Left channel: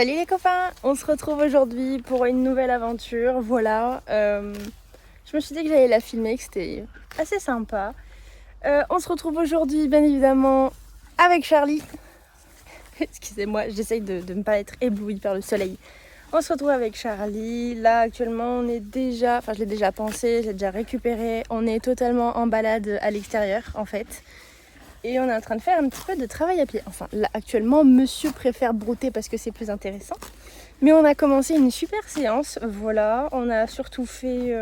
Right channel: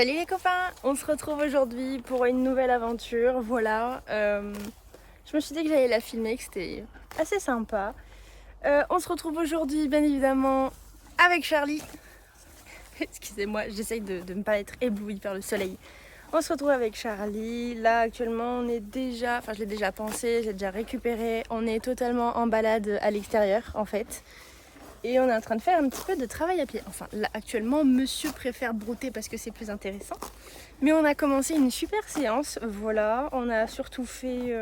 Salut les copains, on se retrouve aujourd'hui pour une nouvelle aventure, voilà. Je me suis dit que j'allais la filmer, que c'était assez sympa. On se retrouve aujourd'hui bien évidemment avec Charlie. Excusez-moi, j'essaye de ne pas être éblouie par le soleil. On se retrouve avec Charlie. Là actuellement on est déjà, enfin je l'ai déjà pensé, j'ai déjà récupéré. On est totalement en balade à l'extérieur en fait. Et on est en train de faire un petit peu de travail à pied. Enfin là actuellement monsieur préfère brouter parce que c'est plus intéressant. Mais on a commencé une super séance, voilà. On a surtout fait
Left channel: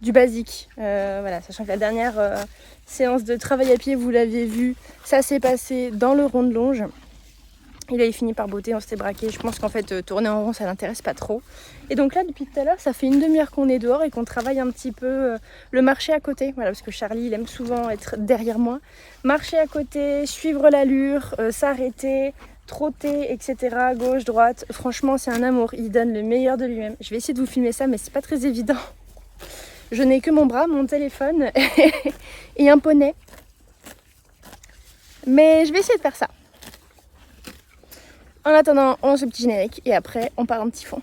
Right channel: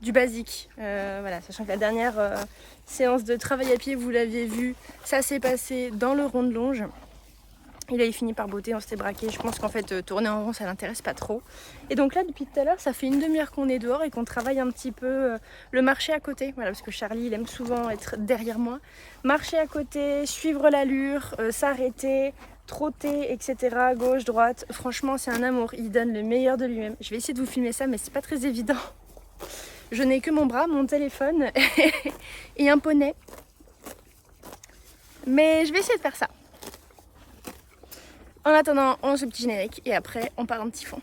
du basique. Voilà, sachant que la dernière séance de travail à pied, vous l'aviez vu, ça s'est passé dans le rond de longe. Il avait fini par botter, on s'était braqué. Je pense qu'en fait, tourner en rond, ça l'intéresse pas trop. Et donc là, depuis tout à l'heure, ça fait une demi-heure qu'on est dehors et qu'on travaille un petit peu le marché à côté. Voilà, parce que Charlie, il aime souvent être derrière moi. Marcher à côté, suivre l'allure, s'arrêter, trotter, etc. Gauche, droite. Franchement, c'est un amour. Il donne le meilleur de lui-même. Je vais essayer de vous filmer ça, mais c'est pas très évident. Je n'ai que mon bras, mon téléphone et un poney. Mais je vais essayer de faire ça. En attendant, on lance le petit générique et après, on part en petit fond.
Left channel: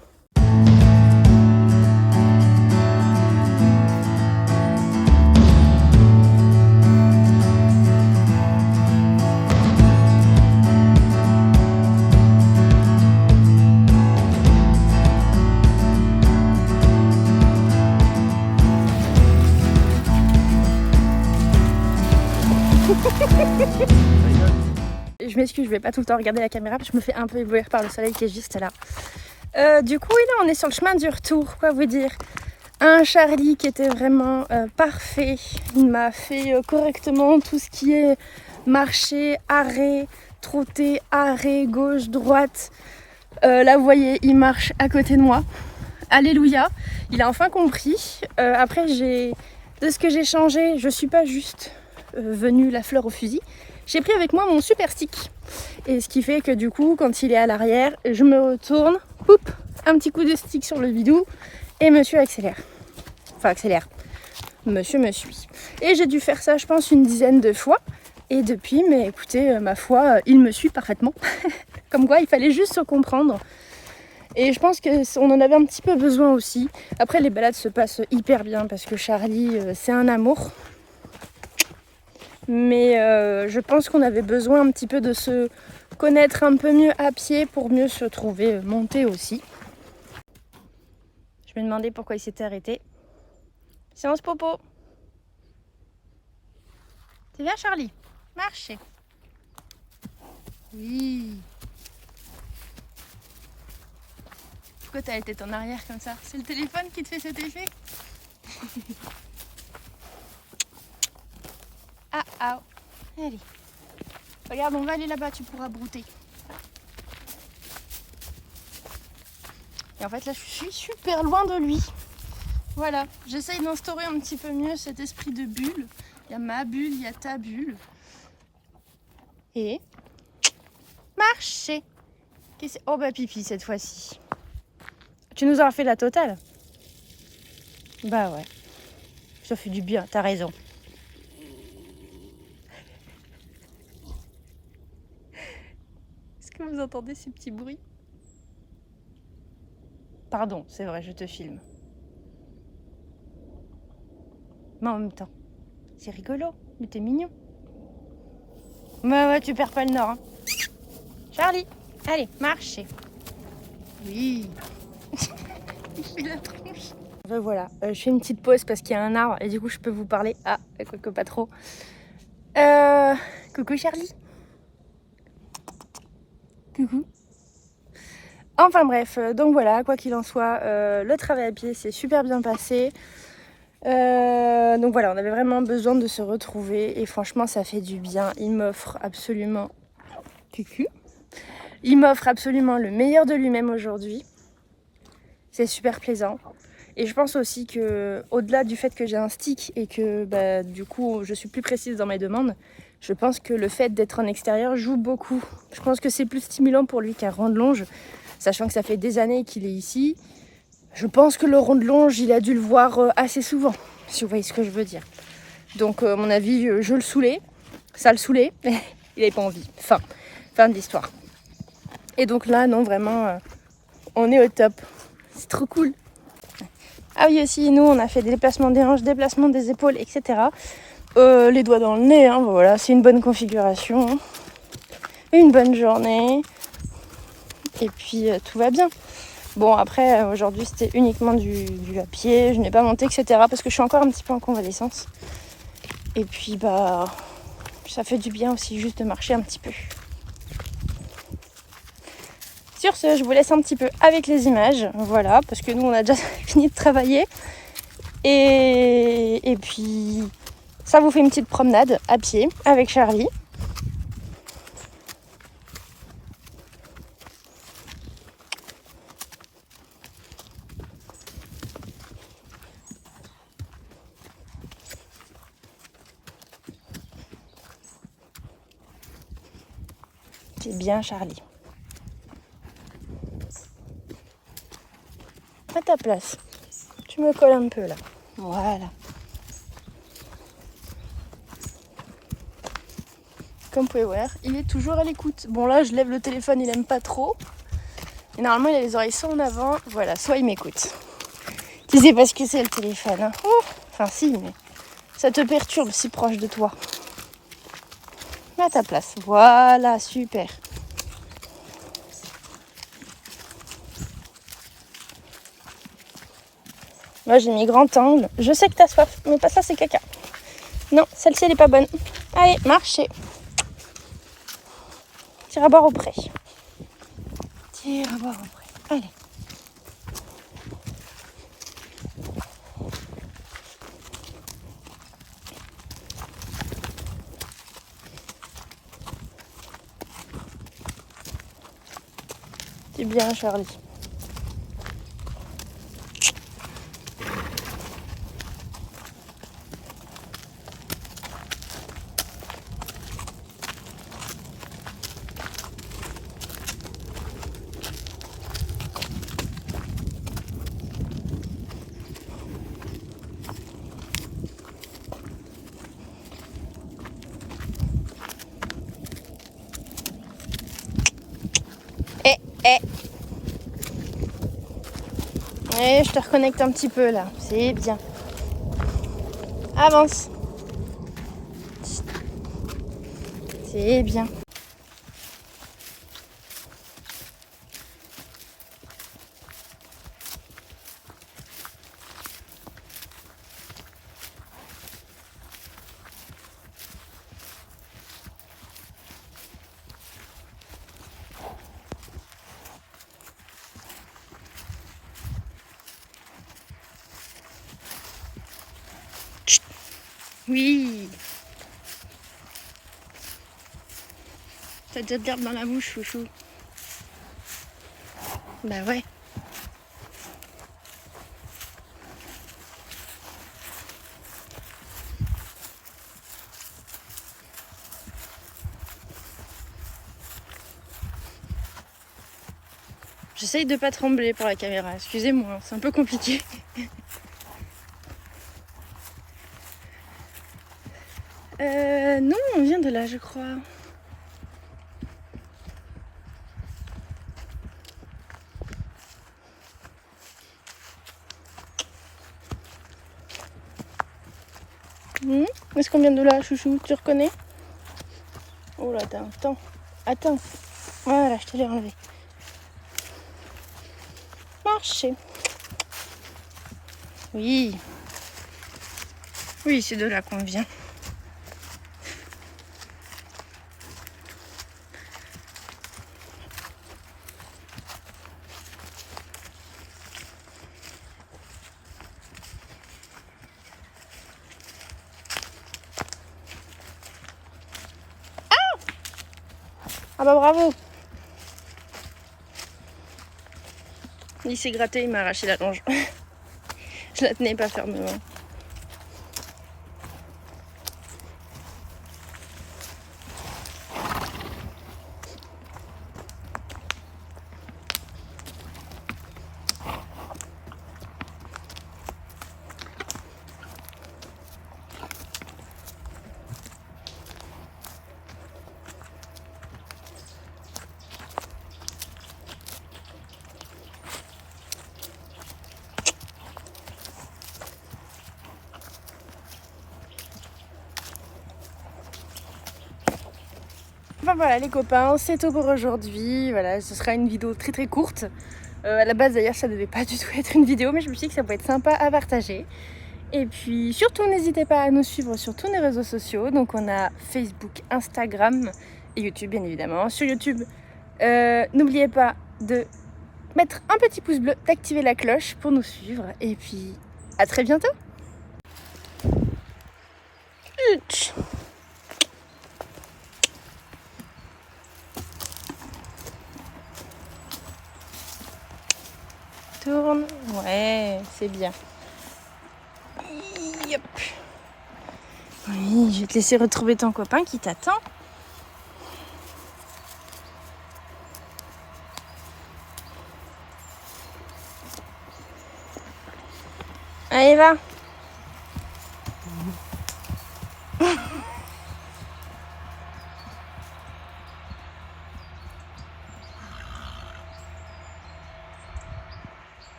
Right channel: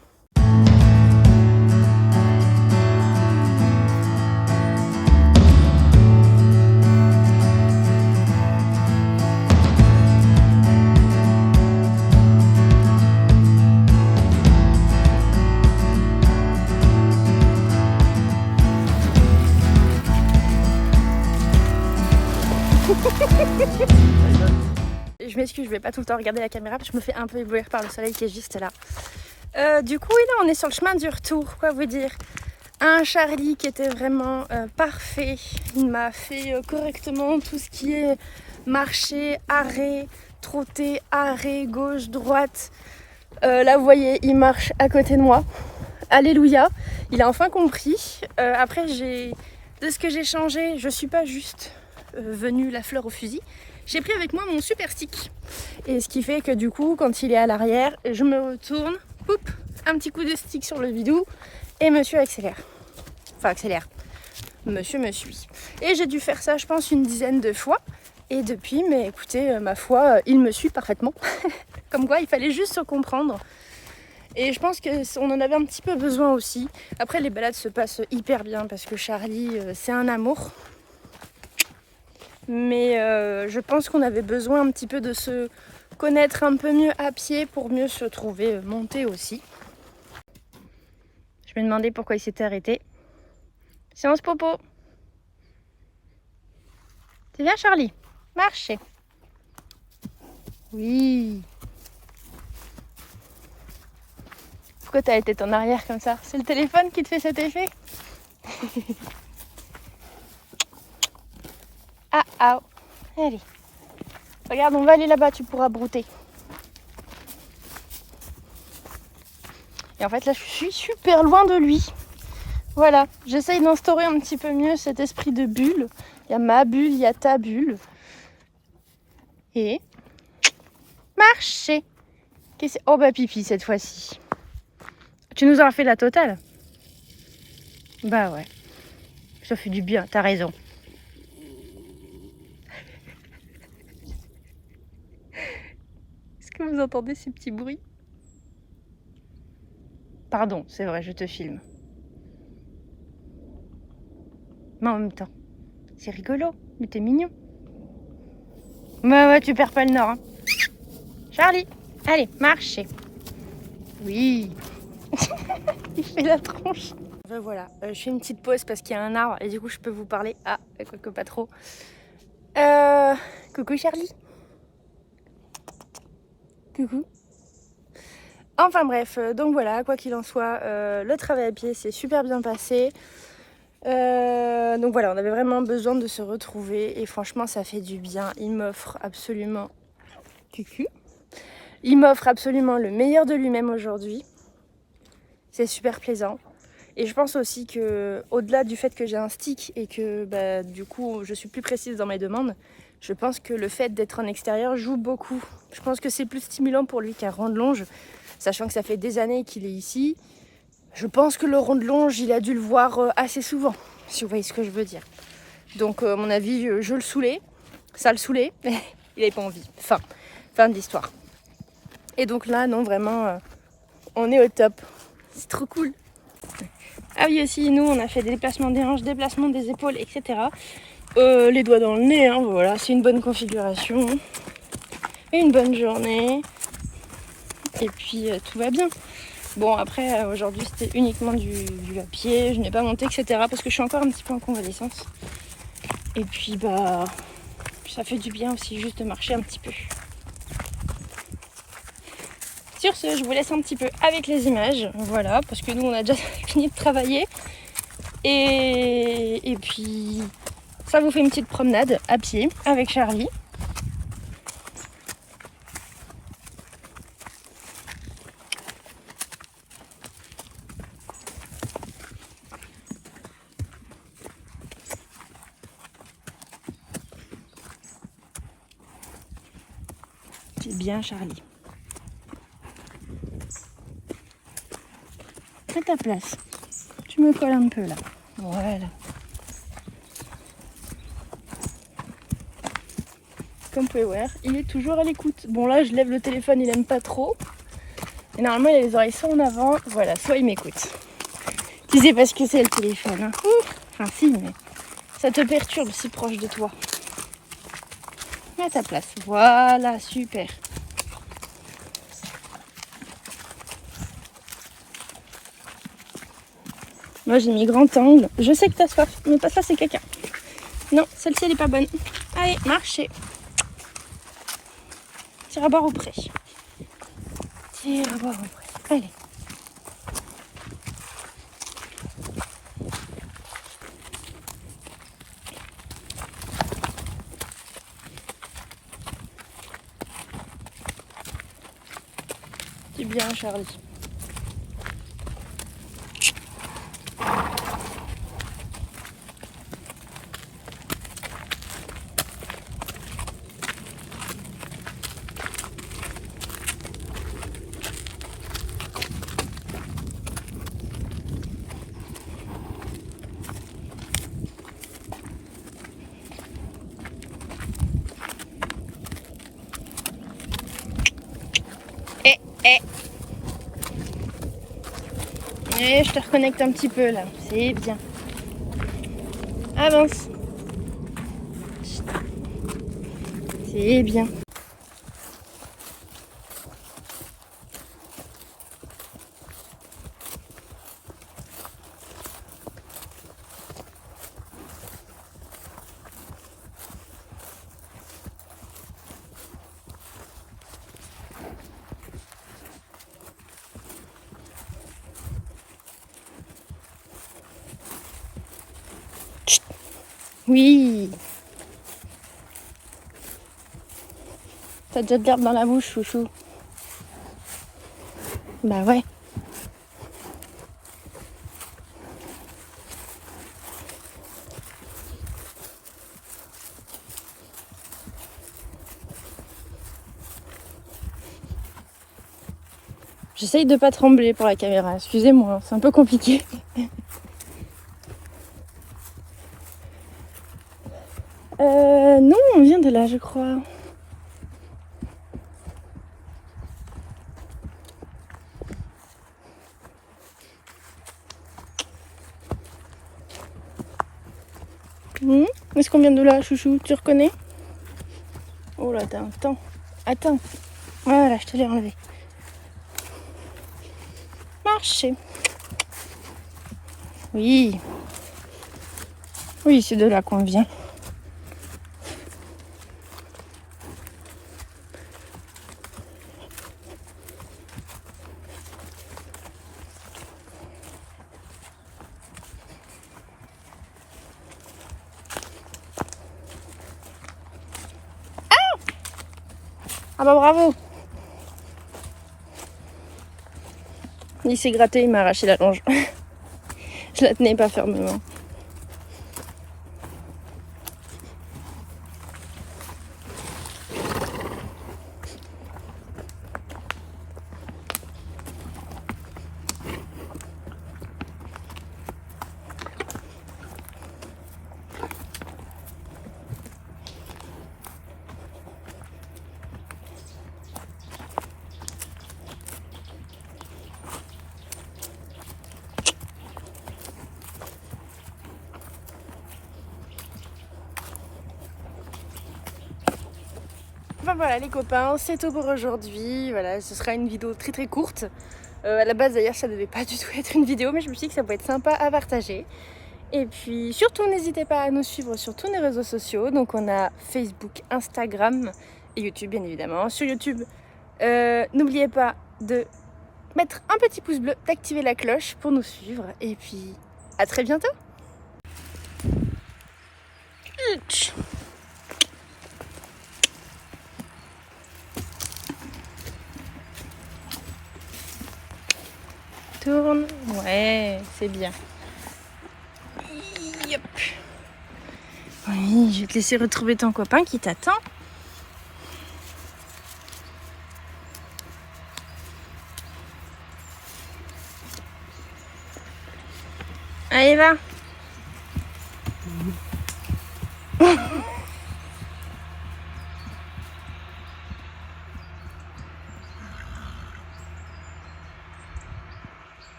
Je m'excuse, je vais pas tout le temps regarder la caméra parce que je me fais un peu éblouir par le soleil qui est juste là. Du coup, oui, là, on est sur le chemin du retour, quoi vous dire. Un Charlie qui était vraiment parfait. Il m'a fait correctement tout ce qui est marcher, arrêt, trotter, arrêt, gauche, droite. Là, vous voyez, il marche à côté de moi. Alléluia. Il a enfin compris. Après, de ce que j'ai changé, je suis pas juste venue la fleur au fusil. J'ai pris avec moi mon super stick. Et ce qui fait que du coup, quand il est à l'arrière, je me retourne, poup, un petit coup de stick sur le bidou et monsieur accélère. Enfin, accélère. Monsieur me suit. Et j'ai dû faire ça, je pense, une dizaine de fois. Et depuis, mais écoutez, ma foi, il me suit parfaitement. Comme quoi, il fallait juste se comprendre. Et je pense qu'on en avait un petit peu besoin aussi. Après, les balades se passent hyper bien parce que Charlie, c'est un amour. Mais je pense qu'on avait besoin un petit peu de se connaître un peu mieux à pied pour mieux se trouver monter aussi. Je me demandais pourquoi il s'était arrêté. Séance popo. C'est bien Charlie. Marchez. Oui. Pourquoi t'as la tête en arrière comme ça? C'est le téléphone qui te fait cet effet? Ah ah. Allez. Regarde, on va aller là-bas, tu pourras brouter. Et en fait là je suis super loin de lui. Voilà, j'essaye d'instaurer un petit peu mieux cet esprit de bulle. Il y a ma bulle, il y a ta bulle. Et marcher. Oh bah pipi cette fois-ci. Tu nous as fait la totale. Bah ouais. Ça fait du bien, t'as raison. Est-ce que vous entendez ces petits bruits? Pardon, c'est vrai, je te filme. Mais en même temps, c'est rigolo, mais t'es mignon. Bah ouais, tu perds pas le nord. Hein. Charlie, allez, marchez. Oui. Il fait la tronche. Voilà, je fais une petite pause parce qu'il y a un arbre et du coup je peux vous parler. Ah, quoique pas trop. Coucou Charlie. Coucou. Enfin bref, donc voilà, quoi qu'il en soit, le travail à pied s'est super bien passé. Donc voilà, on avait vraiment besoin de se retrouver et franchement ça fait du bien. Il m'offre absolument Il m'offre absolument le meilleur de lui-même aujourd'hui. C'est super plaisant. Et je pense aussi que au-delà du fait que j'ai un stick et que du coup je suis plus précise dans mes demandes, je pense que le fait d'être en extérieur joue beaucoup. Je pense que c'est plus stimulant pour lui qu'un rond de longe, sachant que ça fait des années qu'il est ici. Je pense que le rond de longe, il a dû le voir assez souvent, si vous voyez ce que je veux dire. Donc à mon avis, je le saoulais, ça le saoulait, il n'avait pas envie. Fin de l'histoire. Et donc là, non, vraiment, on est au top. C'est trop cool. Ah oui, aussi, nous, on a fait des déplacements des hanches, déplacements des épaules, etc. Les doigts dans le nez, hein, voilà, c'est une bonne configuration. Une bonne journée. Et puis, tout va bien. Bon, après, aujourd'hui, c'était uniquement du à pied. Je n'ai pas monté, etc. Parce que je suis encore un petit peu en convalescence. Et puis, bah, ça fait du bien aussi juste de marcher un petit peu. Sur ce, je vous laisse un petit peu avec les images. Voilà, parce que nous, on a déjà fini de travailler. Et puis, ça vous fait une petite promenade à pied avec Charlie. C'est bien, Charlie. À ta place. Tu me colles un peu là. Voilà. Comme vous pouvez voir, il est toujours à l'écoute. Bon là, je lève le téléphone, il aime pas trop. Et normalement, il a les oreilles soit en avant, voilà, soit il m'écoute. Tu sais pas ce que c'est le téléphone, hein. Enfin si, mais ça te perturbe si proche de toi. À ta place. Voilà, super. Moi, j'ai mis grand angle. Je sais que t'as soif, mais pas ça, c'est caca. Non, celle-ci, elle est pas bonne. Allez, marchez. Tire à boire au pré. Tire à boire au pré. Allez. C'est bien, Charlie. Et je te reconnecte un petit peu là, c'est bien. Avance. C'est bien. Oui. T'as déjà de l'herbe dans la bouche, chouchou. Bah ouais. J'essaye de pas trembler pour la caméra, excusez-moi, c'est un peu compliqué. Non, on vient de là, je crois. Où est-ce qu'on vient de là, chouchou? Tu reconnais? Oh là, attends. Voilà, je te l'ai enlevé. Marcher. Oui. Oui, c'est de là qu'on vient. Ah bah bravo. Il s'est gratté, il m'a arraché la longe. Je la tenais pas fermement. Enfin voilà les copains, c'est tout pour aujourd'hui. Voilà, ce sera une vidéo très très courte. À la base d'ailleurs ça devait pas du tout être une vidéo, mais je me suis dit que ça pourrait être sympa à partager. Et puis surtout n'hésitez pas à nous suivre sur tous nos réseaux sociaux. Donc on a Facebook, Instagram et YouTube bien évidemment. Sur YouTube, n'oubliez pas de mettre un petit pouce bleu, d'activer la cloche pour nous suivre. Et puis à très bientôt. Tourne, ouais, c'est bien. Yep. Oui, je vais te laisser retrouver ton copain qui t'attend. Allez, va.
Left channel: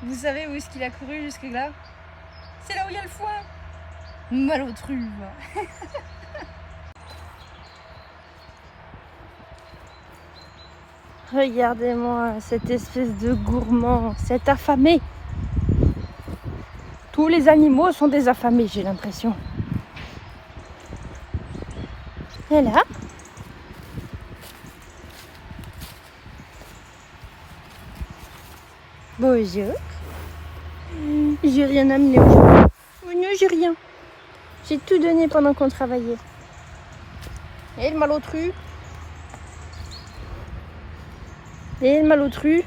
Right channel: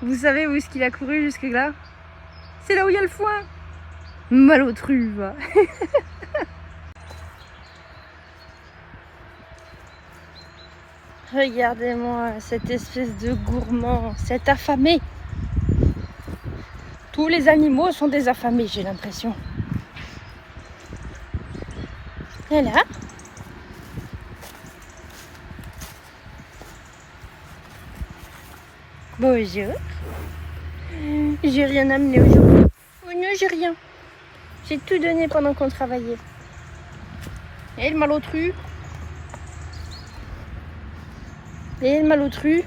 Vous savez où est-ce qu'il a couru jusque-là? C'est là où il y a le foin. Malotru, va. Regardez-moi cette espèce de gourmand, cet affamé. Tous les animaux sont des affamés, j'ai l'impression. Et là, bonjour. J'ai rien amené aujourd'hui. Oh non, j'ai rien. J'ai tout donné pendant qu'on travaillait. Et le malotru. Et le malotru.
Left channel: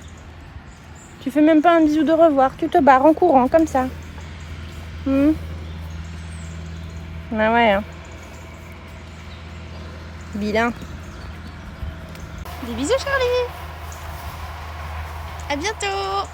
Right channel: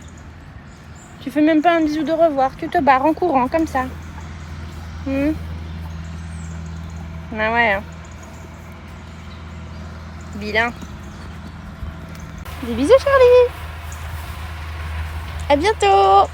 Tu fais même pas un bisou de revoir. Tu te barres en courant comme ça. Ah ouais. Hein. Vilain. Des bisous Charlie. À bientôt.